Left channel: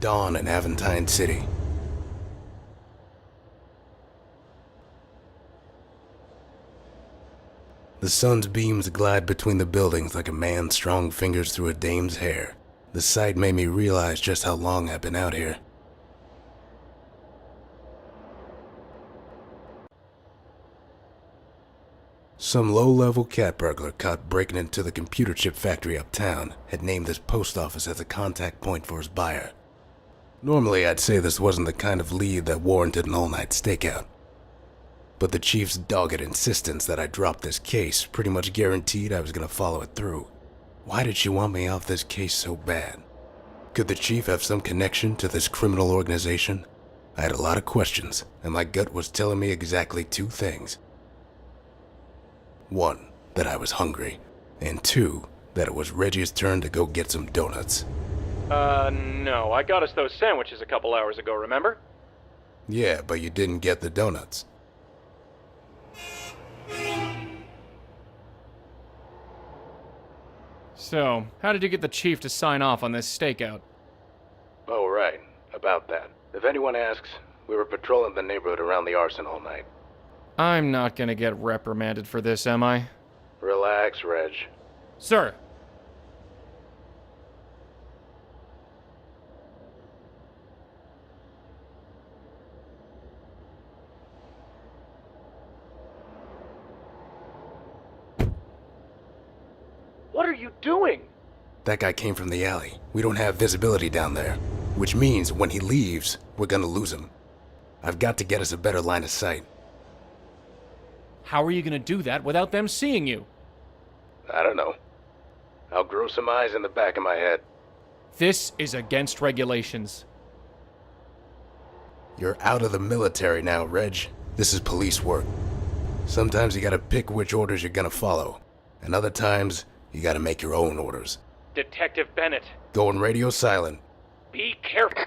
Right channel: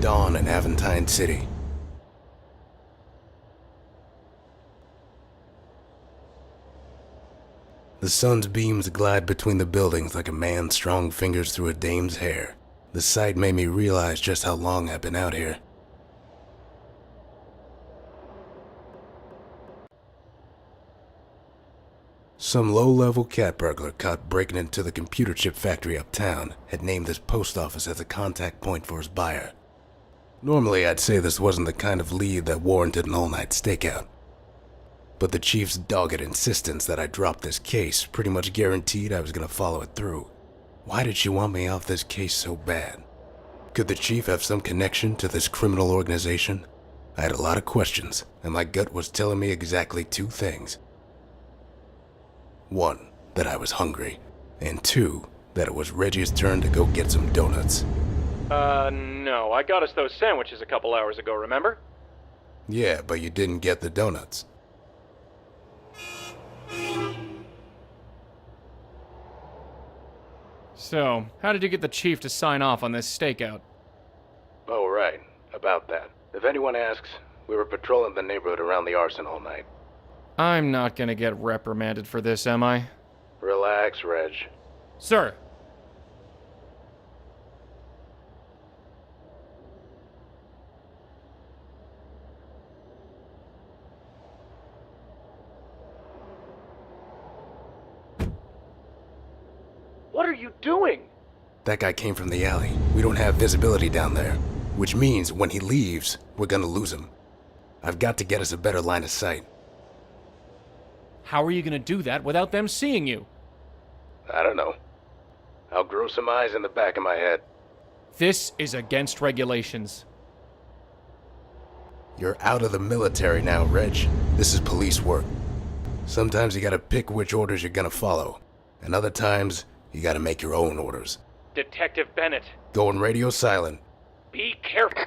Dawn in Aventine City. The sun's beams glide between the buildings like a man's strong fingers through a dame's hair. The sight made me realize just how long I've been out here. Some low-level cat burglar caught breaking into the computer chip factory uptown had named this post office as a contact point for his buyer. Normally, I'd say this wasn't the kind of lead that warranted an all-night stakeout. But the chief's dogged insistence that I drop this case pretty much guaranteed I was going to follow it through. Why did she want me off this case so bad? Could the chief have some connection to this criminal organization? I had a lot of questions, and my gut was telling me exactly two things. One, that I was hungry, and two, that it was Reggie's turn to go get some donuts. No, I got us those sandwiches a couple hours ago, remember? Yeah, but you didn't get the donuts. So, how did you get the chief to sign off on this stakeout? Oh, right. About that. If anyone asks, we were patrolling the neighborhood around the arson all night. I'm not gonna get reprimanded for this, am I? Relax, Reg. Sir! What are you doing? That guy came from the alley. We don't have visibility down there, which means when he leaves, we're gonna lose him. I've got to get us a better line of sight. How are you gonna do that without them seeing you? I don't know. I'll grow some eyes in the back of my head. This is against regulations. You're out of the military now, Reg. This is police work. Sometimes you gotta pick which orders you're gonna follow, and other times, you gotta make your own orders. Detective Bennet, Going radio silent. be careful.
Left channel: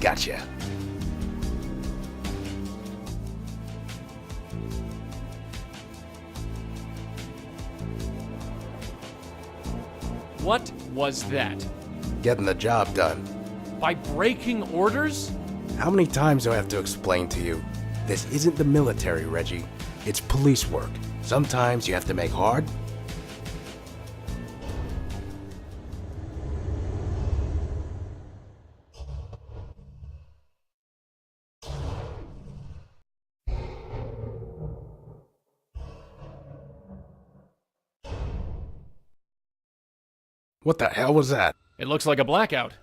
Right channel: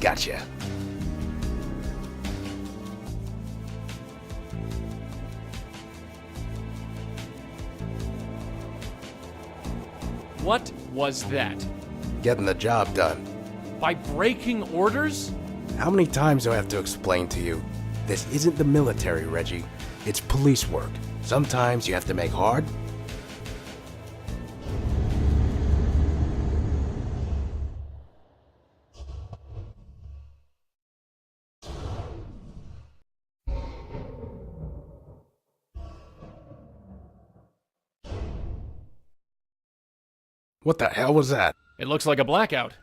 Gotcha. What was that? Getting the job done. By breaking orders? How many times do I have to explain to you? This isn't the military, Reggie. It's police work. Sometimes you have to make hard. What the hell was that? It looks like a blackout.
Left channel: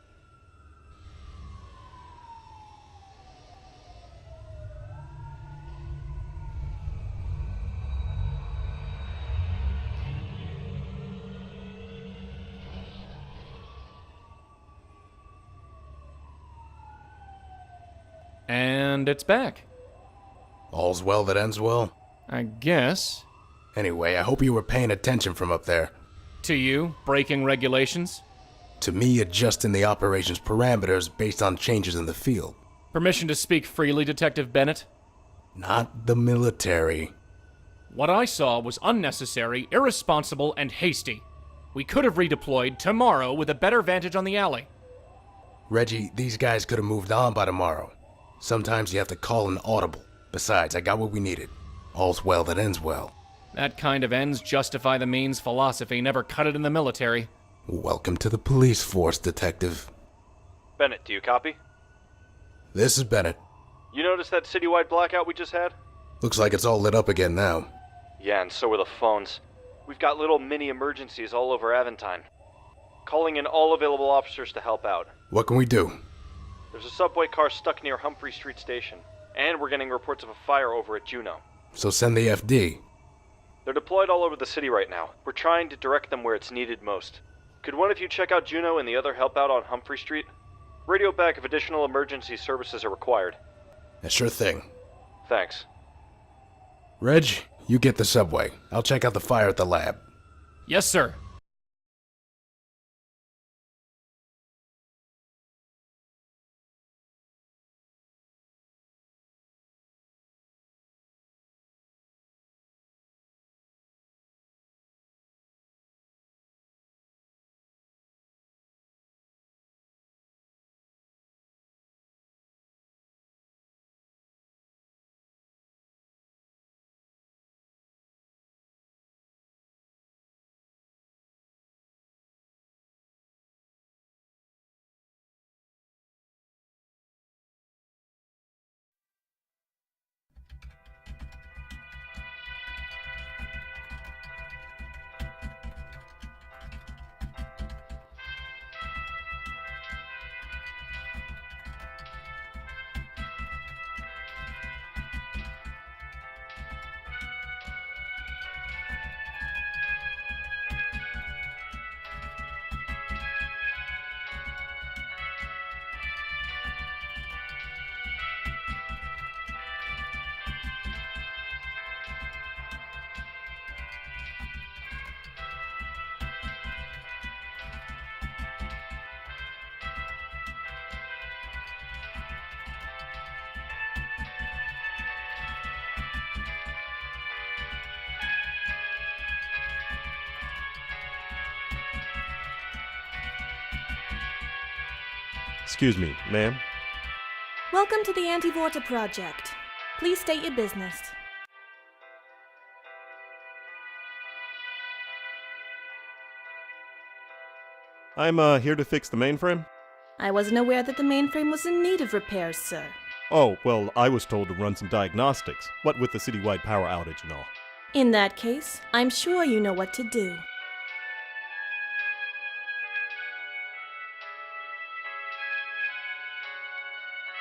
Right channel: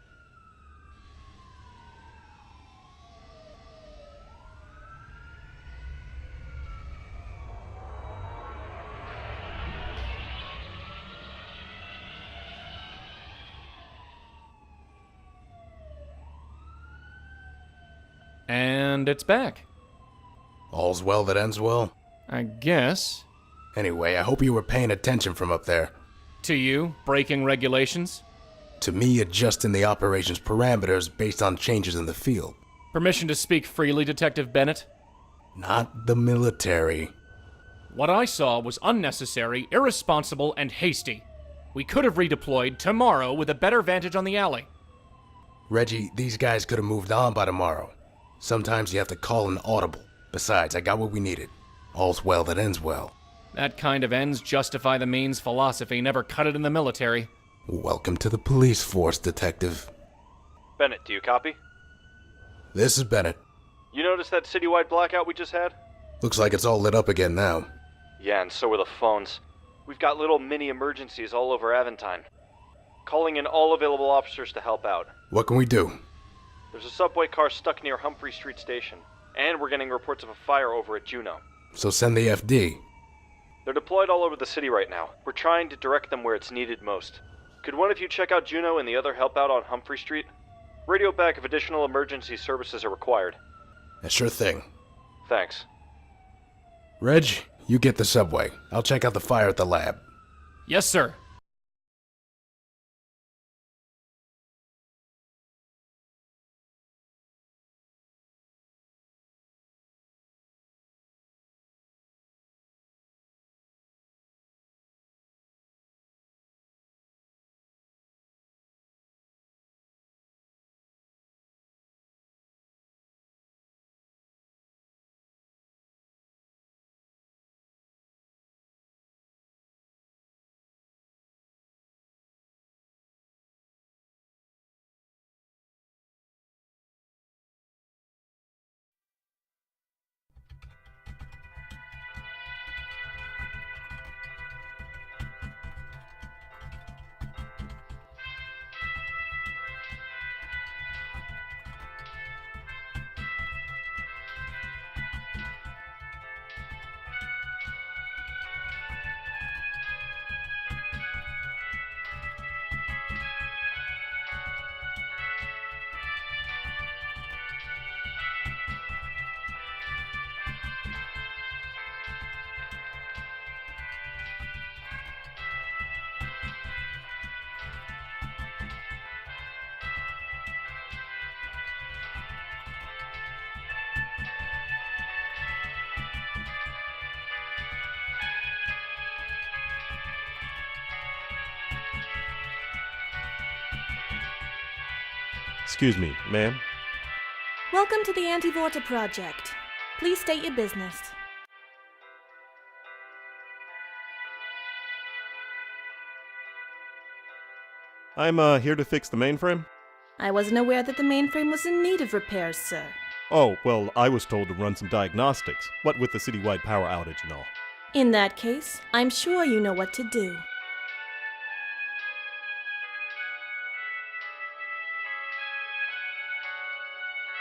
And it's back. All's well that ends well. I guess. Anyway, I hope you were paying attention from up there. To you, breaking regulations? To me, adjusting the operation's parameters based on changes in the field. Permission to speak freely, Detective Bennet? Not the military. What I saw was unnecessary, irresponsible, and hasty. We could have redeployed tomorrow with a better vantage on the alley. Reggie, these guys could have moved on by tomorrow. Sometimes you have to call an audible. Besides, I got what we needed. All's well that ends well. That kind of ends justify the means philosophy never cut it in the military. Welcome to the police force, Detective. Bennett, do you copy? This is Bennett. You noticed that citywide blackout we just had? Looks like it's all lit up again now. Yeah, and so are the phones. We've got little mini emergencies all over Aventine. Calling in all available officers to help out. What can we do? There's a subway car stuck near Humphrey Street Station, and we're getting reports of a fire over at Juneau. So send the FD. They're deployed all over the city right now. We're trying to direct them where it's needed most. Could one of you check out Juneau and the other help out on Humphrey Street? Radio back if additional emergency services are required. A sure thing. Thanks. Reg, you get the subway. I'll check out the fire at the lab. Yes, sir. Excuse me, ma'am? Welcome to the Anti-Vorta Project. Please state your business. I'm here to fix the mainframe. I wasn't aware that the mainframe was in need of repairs, sir. Oh, well, I was told to run some diagnostics, what with the citywide power outage and all. In that case, I'm sure you know what to do.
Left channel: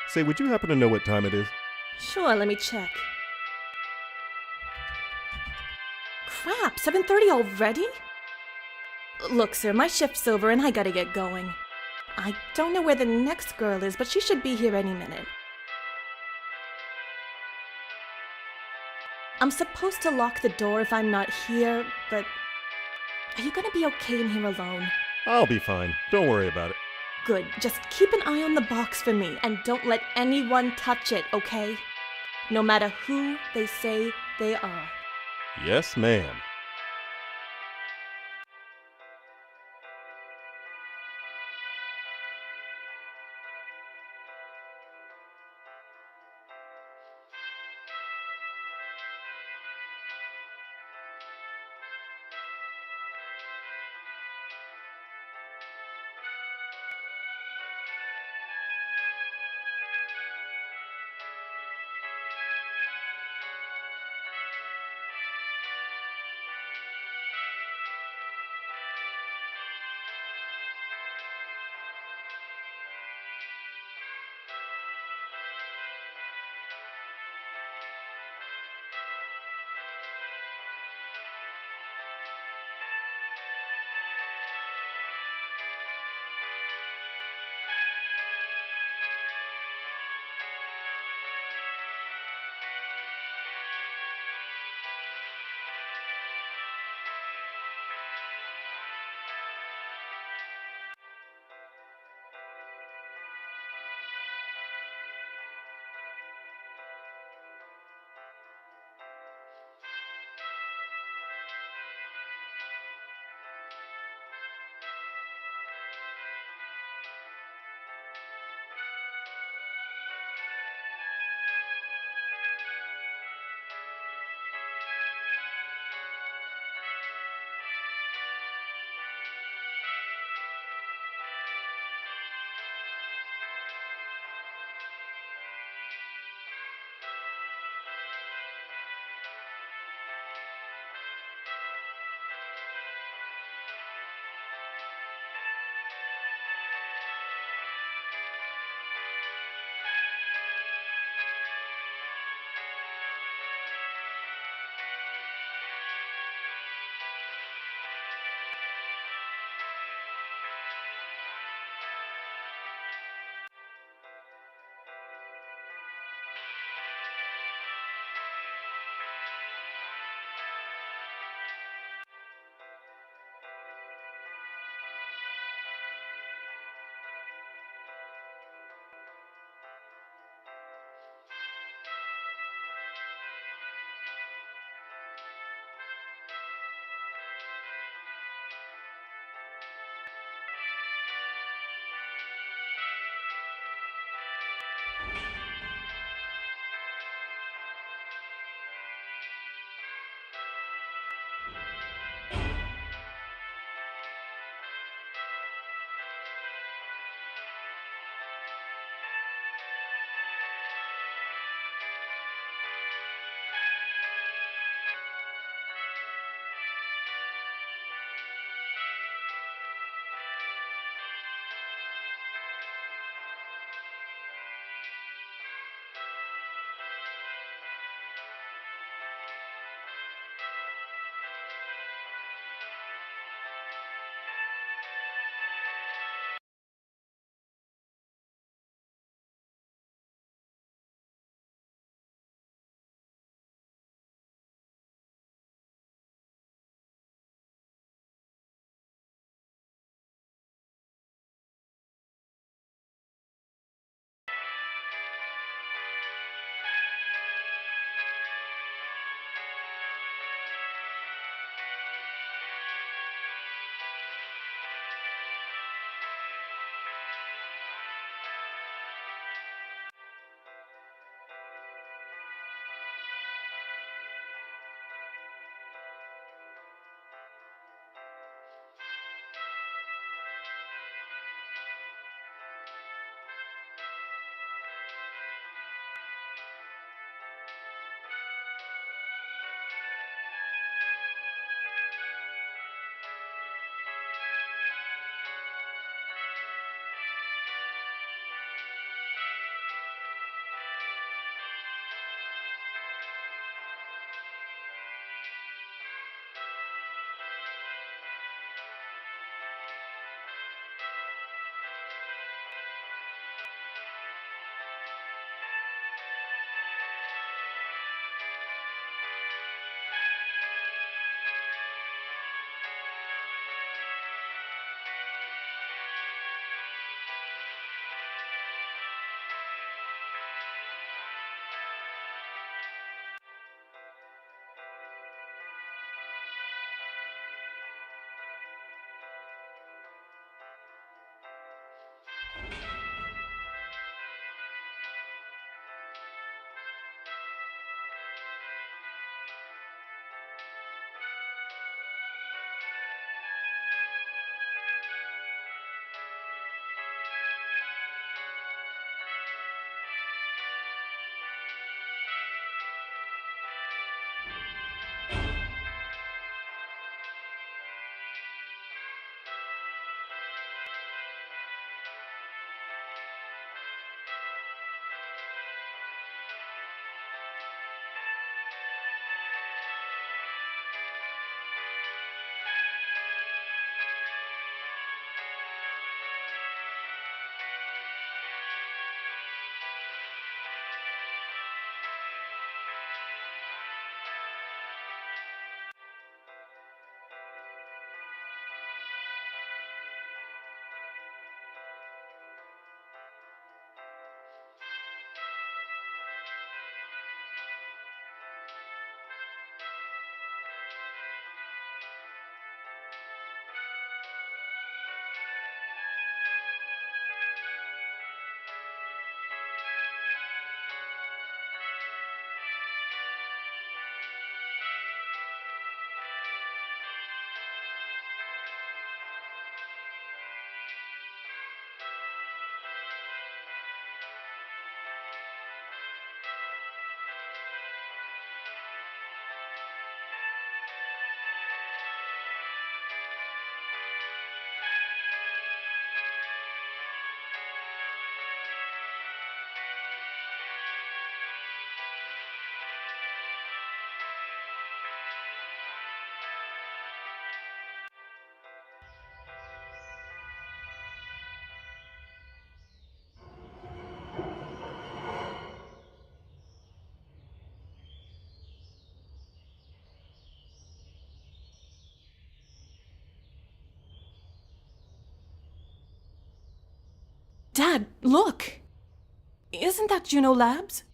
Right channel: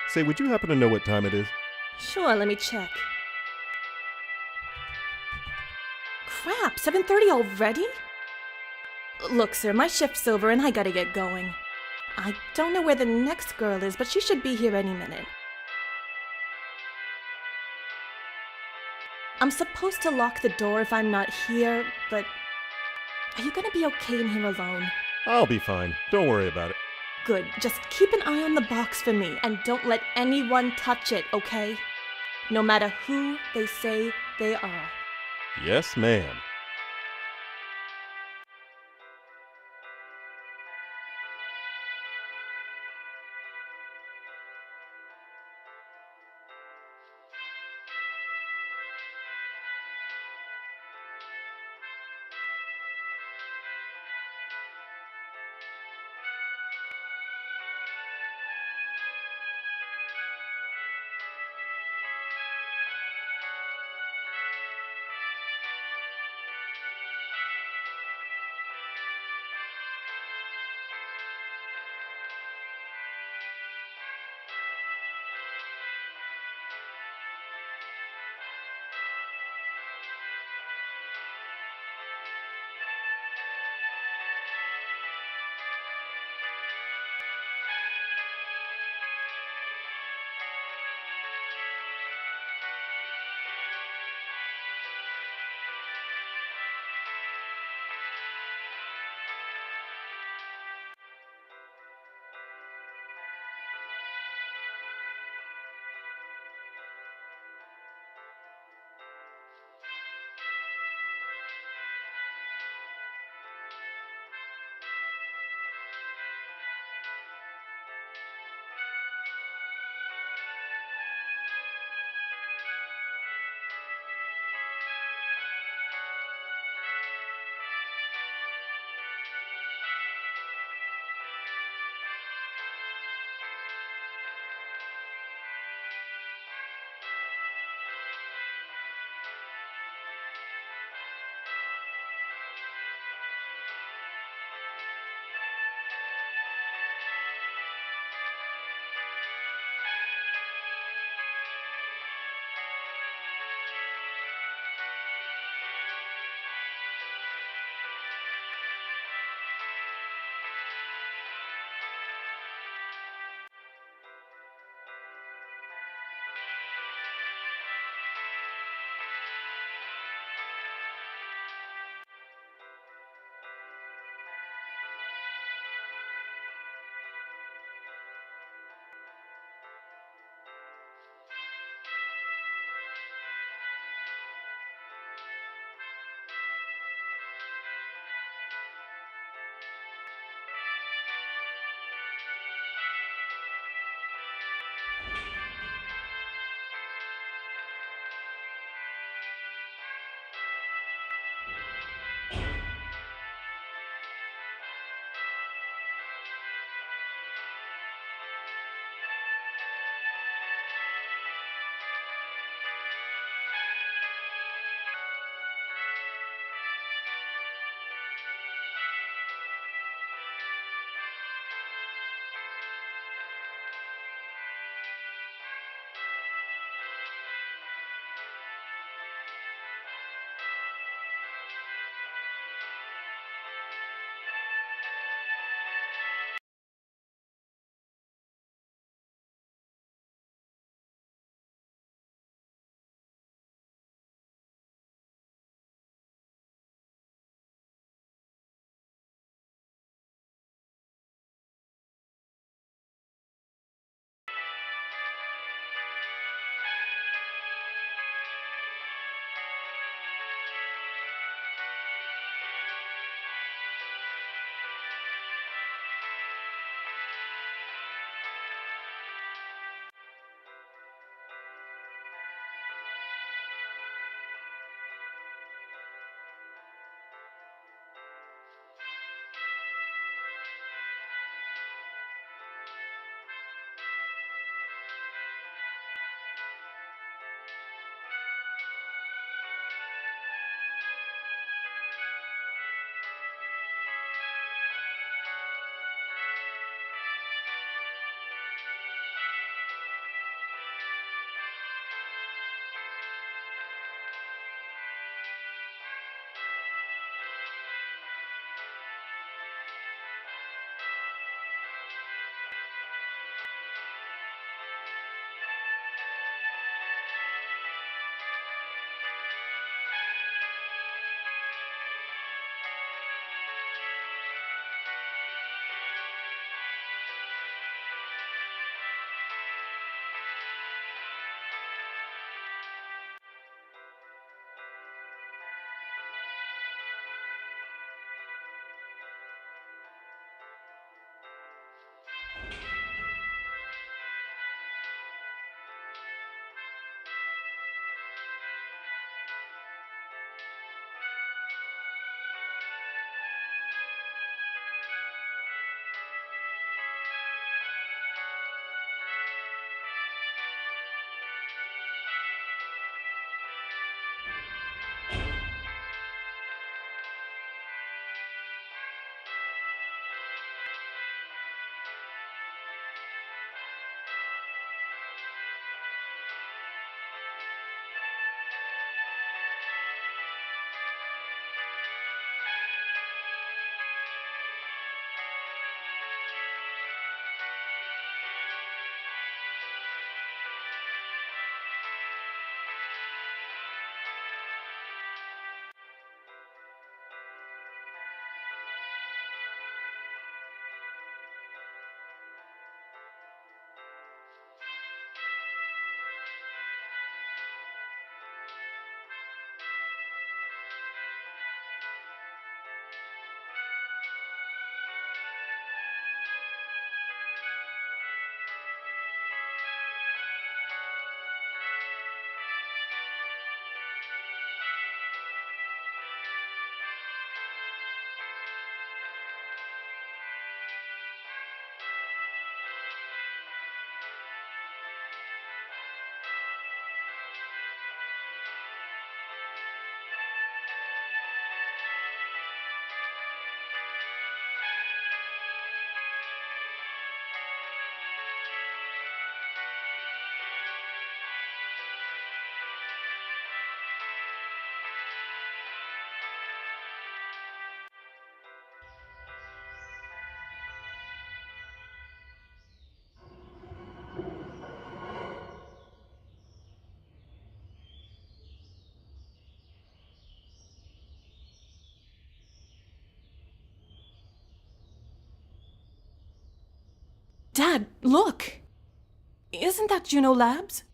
Say, would you happen to know what time it is? Sure, let me check. Crap, 7:30 already? Look, sir, my shift's over and I gotta get going. I don't know where the next girl is, but she should be here any minute. I'm supposed to lock the door if I'm not here, but... Are you gonna be okay in here alone? I'll be fine. Don't worry about it. Good, just keep an eye on the box for me, and don't let anyone touch it, okay? No matter who they say they are. Yes, ma'am. Dad, look! Isn't that Juno Labs?